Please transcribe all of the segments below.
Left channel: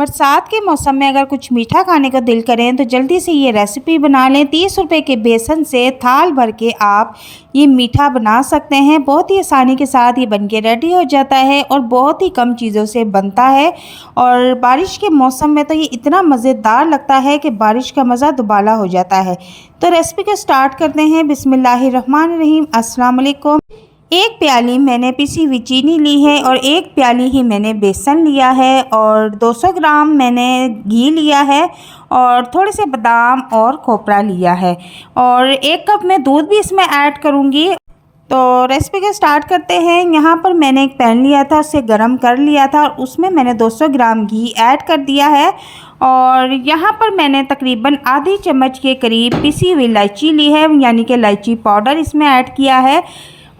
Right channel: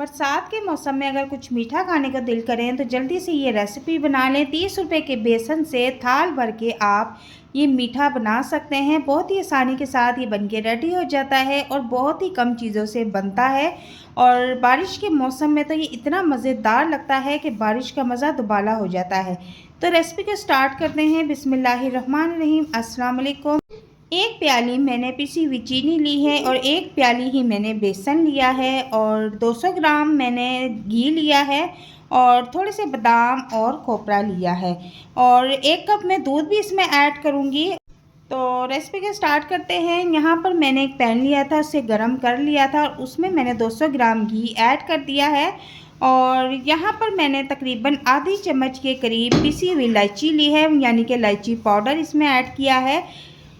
बरसात के मौसम में अगर कुछ मीठा खाने का दिल करें तो जल्दी से ये रेसिपी बना लें। 30 रुपए के बेसन से थाल भर के आप ये मीठा बना सकते हैं। बहुत ही आसानी के साथ ये बनके रेडी हो जाता है और बहुत ही कम चीज़ों से बनता है। और बारिश के मौसम में तो ये इतना मज़ेदार लगता है कि बारिश का मज़ा दुबाला हो जाता है। तो रेसिपी को स्टार्ट करते हैं। बिस्मिल्लाहिर्रहमानिर्रहीम। अस्सलाम वालेकुम। एक प्याली मैंने पिसी हुई चीनी ली है और एक प्याली ही मैंने बेसन लिया है और 200 ग्राम मैंने घी लिया है और थोड़े से बादाम और खोपरा लिया है और 1 कप मैं दूध भी इसमें ऐड करूँगी। तो रेसिपी को स्टार्ट करते हैं। यहाँ पर मैंने एक पैन लिया था, उसे गरम कर लिया था और उसमें मैंने 200 ग्राम घी ऐड कर दिया है और यहाँ पर मैंने तकरीबन आधी चम्मच के करीब पिसी हुई इलायची ली है, यानी कि इलायची पाउडर इसमें ऐड किया है।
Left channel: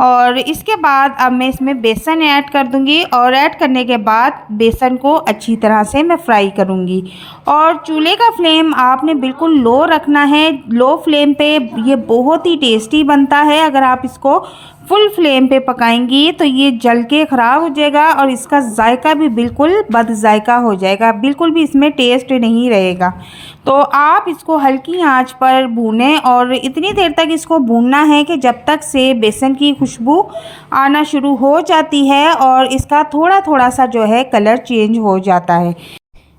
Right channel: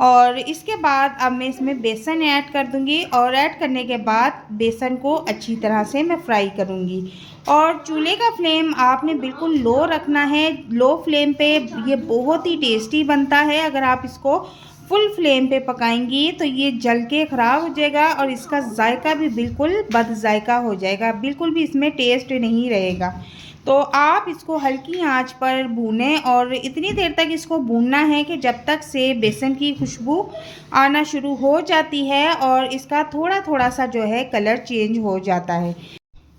और इसके बाद अब मैं इसमें बेसन ऐड कर दूंगी और ऐड करने के बाद बेसन को अच्छी तरह से मैं फ्राई करूंगी। और चूल्हे का फ्लेम आपने बिल्कुल लो रखना है। लो फ्लेम पे ये बहुत ही टेस्टी बनता है। अगर आप इसको फुल फ्लेम पे पकाएंगी तो ये जल के ख़राब हो जाएगा और इसका जायका भी बिल्कुल बद जायका हो जाएगा, बिल्कुल भी इसमें टेस्ट नहीं रहेगा। तो आप इसको हल्की आंच पर भूनें और इतनी देर तक इसको भूनना है कि जब तक से बेसन की खुशबू आना शुरू हो जाती है और इसका थोड़ा थोड़ा सा जो है कलर चेंज हो जाता है।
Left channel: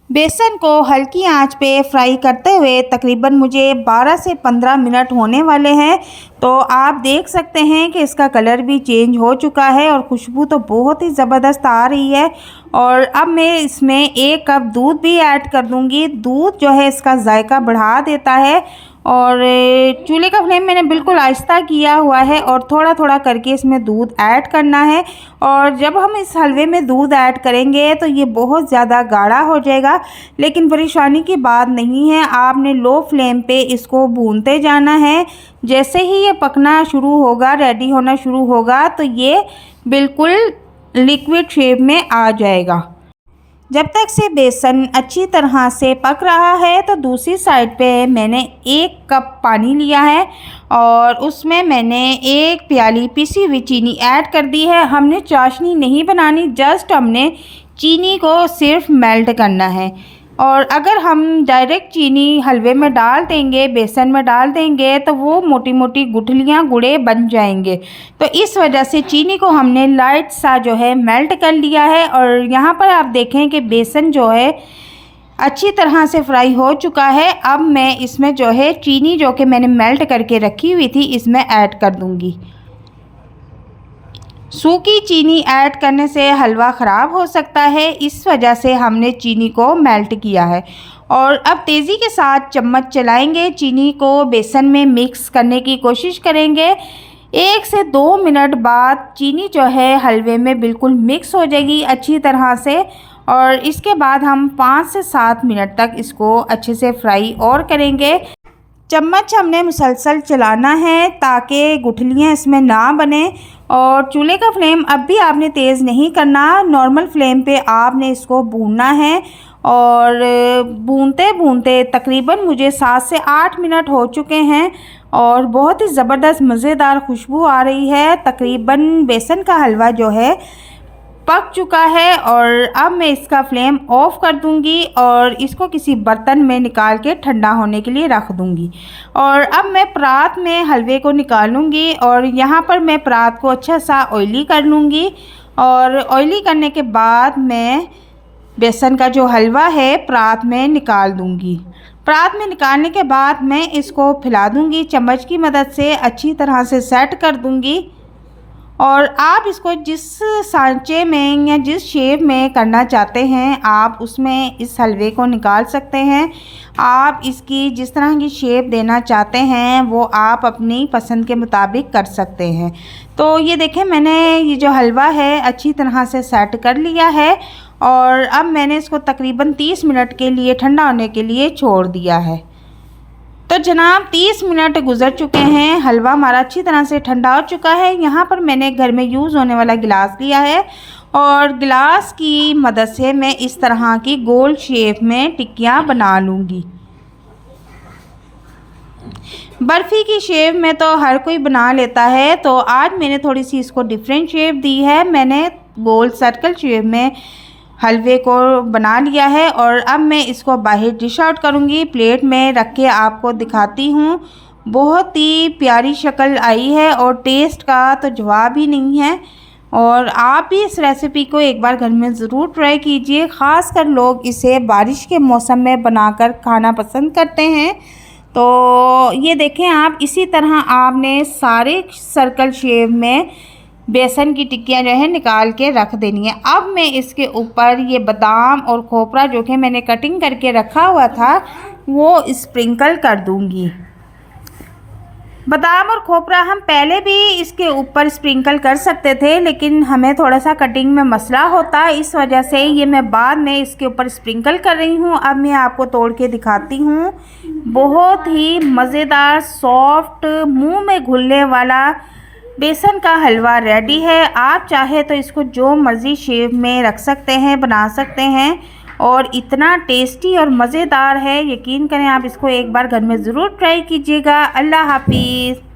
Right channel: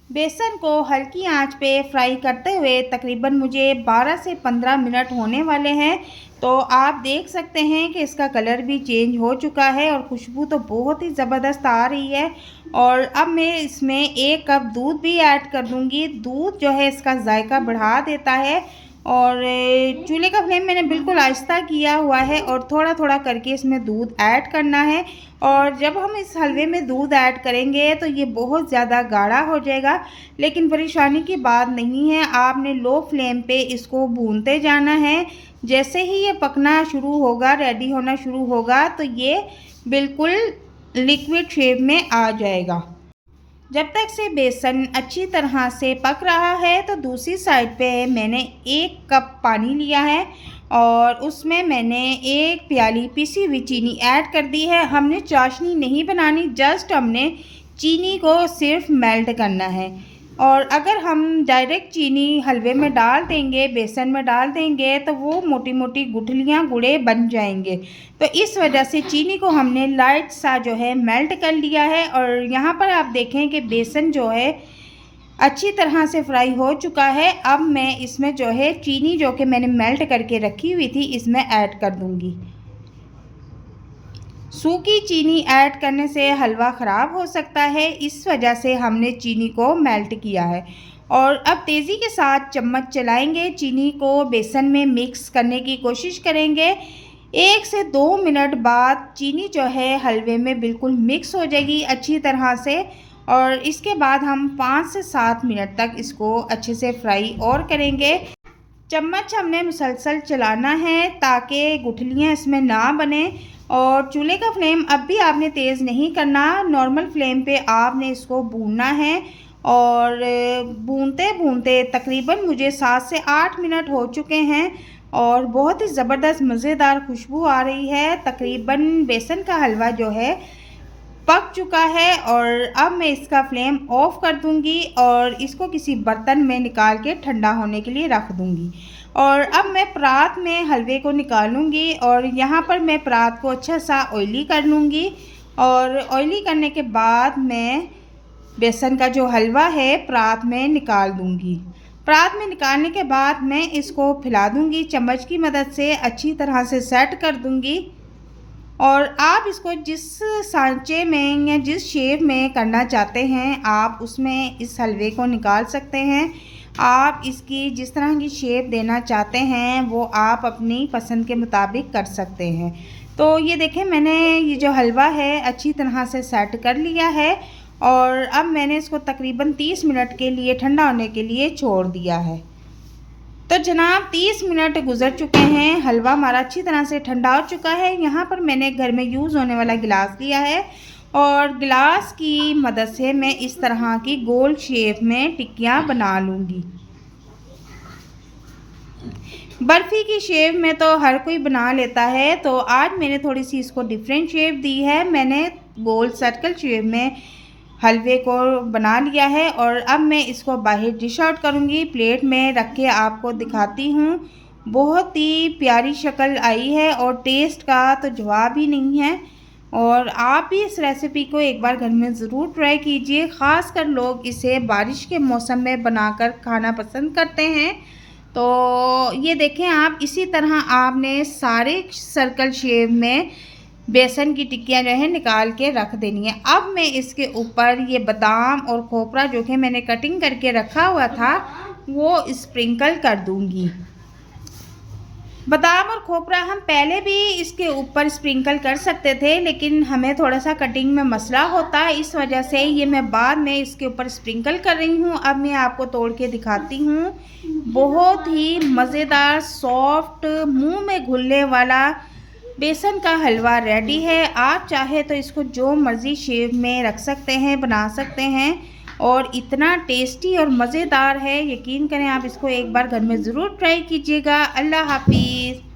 बेसन को हल्की आंच पे फ्राई करते हुए तकरीबन मुझे 12 से 15 मिनट होने वाले हैं। तो आप देख सकते हैं कि इसका कलर भी चेंज हो चुका है और खुशबू तो बहुत ही ज़बरदस्त आ रही है। और अब मैं इसमें 1 कप दूध भी ऐड कर दूंगी। दूध जो है इसका जायका बढ़ा देता है और चूल्हे का फ्लेम मैंने बिल्कुल आहिस्ता किया हुआ है और थोड़ा थोड़ा करके इसमें दूध ऐड करना है। और जब हम इस हलवे में दूध ऐड करेंगे तो ये बहुत ज़्यादा गाढ़ा हो जाएगा, लेकिन परेशानी की बात नहीं है। आपने लो फ्लेम पे इसको भूनते जाना है। जैसे ही ये पकना शुरू होगा, रेडी होना शुरू होगा, तो ये बिल्कुल लिक्विड शेप में आ जाएगा। जब तक से बेसन अच्छी तरह से पक रहा है तो दूसरी साइड पे मैंने 1 कप पानी लिया है और उसमें मैंने 1 प्याली पिसी हुई चीनी ऐड कर दी है। हमने चाशनी नहीं बनानी, जस्ट हमने चीनी को सिर्फ मेल्ट करना है। और अगर हम डायरेक्ट चीनी हलवे में डाल देंगे, बेसन में डाल देंगे, तो वो मोटी मोटी गुठलियाँ गुड़े बन जाएंगे। तो इस वजह से चीनी को हमने लाइट सा जो है मेल्ट कर लिया है। और यहाँ पर आप देखें कि बेसन जो है अच्छी तरह से फ्राई हो चुका है। अब मैं इसमें जो है चीनी जो कि मैंने मेल्ट करके रखी हुई थी इसमें ऐड कर दूँगी। सूखी चीनी ऐड करने से हलवा ख़राब हो सकता है, इस वजह से हमने चीनी को मेल्ट किया है। और अब तेज़ी के साथ चम्मच चलाएंगे, चीनी को बेसन में मिक्स करने की कोशिश करेंगे। 1 से 2 मिनट बाद चीनी जो है हलवे में बिल्कुल मिक्स हो जाएगी अच्छी तरह से। और इसके बाद हम 5 से 7 मिनट तक इसको अच्छे से फ्राई और करेंगे। चम्मच हमने मुसलसल चलाना है ताकि गुठलियाँ इसमें ना बने। और चूल्हे का फ्लेम अब भी आपने तेज़ नहीं करना, नॉर्मल फ्लेम पे आपने इसको भूनना है। और भूनते भूनते तकरीबन मुझे 7 से 8 मिनट हो चुके हैं और बहुत ही ज़बरदस्त मज़ेदार खुशबू आ रही है। तकरीबन बेसन का हलवा जो है पक चुका है और अब मैं इसका फ्लेम ऑफ कर दूंगी और इसको किसी बर्तन में निकाल के ठंडा होने के लिए रख दूंगी। और अब मैं परात में हलवे को निकालूंगी और यहाँ पर मैं परात को अच्छा सा ऑयली कर लूँगी। और ऑयली करने के बाद मैं बेसन का जो हलवा है परात में निकाल दूंगी। परात में निकालने के बाद मैं इसको फैला दूंगी, चम्मच की मदद से अच्छी तरह से सेट कर दूंगी। और आप इसको जिस सांचे में या जिस शेप में करना चाहते हैं आप उसमें इस हलवे को निकाल सकते हैं। आप इसकी जिस तरह की शेप देना चाहते हैं वो आप अपनी पसंद के मुताबिक कर सकते हैं। तो ये देखें, मैंने ये जो हलवा है अच्छी तरह से सेट कर लिया है और अब मैंने इसको तकरीबन 30 मिनट के लिए ठंडा होने के लिए छोड़ दिया है। तो जनाब 30 मिनट गुजर चुके हैं, हलवा हमारा अच्छी तरह से ठंडा हो चुका है। यहाँ पर मैंने घर में यूज़ होने वाला गिलास लिया है और गिलास की मदद से मैं इस तरह की गोल शेप में टिक्कियाँ बना लूँगी। बर्फ़ी की शेप में तो हर कोई बना लेता है, तो आज मैंने थोड़ी सी इसको डिफरेंट शेप दी है। मैंने गोल सर्कल शेप में हलवे को बना लिया है और अब मैं इसको बाहर डिश आउट करूँगी। प्लेट में रख के आपको दिखाती हूँ। बहुत ही प्यारी शक्ल आई है और टेस्ट का तो जवाब ही नहीं है। और आप भी इस रेसिपी को एक बार घर में ज़रूर ट्राई कीजिए। ख़ासकर लोग इसे बारिश के मौसम में बनाकर खाना पसंद करते हैं। तो ये देखें आप, इसी तरह आपने सारे सर्कल शेप में बेसन की टिक्कियाँ जो है निकाल के रख देनी है। अब मैं इसके ऊपर ये बादाम और खोपरा जो कि मैंने कटिंग करके रखा हुआ था वो स्प्रिंकल कर दूंगी। बादाम और खोपरा हम पहले भी इसके ऊपर स्प्रिंकल कर सकते थे, लेकिन हमें थोड़ा सा कटिंग में मसला होता है, इस वजह से ये मैं बाद में इसके ऊपर स्प्रिंकल कर रही हूँ। अब मैं आपको तोड़ के दिखाती हूँ। बहुत ही मज़ेदार, सॉफ्ट, मुंह में घुलने वाला बेसन का हलवा रेडी है। आप चाहे तो इसको जो मर्ज़ी शेप में रख सकते हैं, बना सकते हैं और इतना टेस्टी और मज़ेदार है। यकीन करें, आप इसको एक बार घर में ज़रूर ट्राई कीजिएगा। अल्लाह हाफिज़।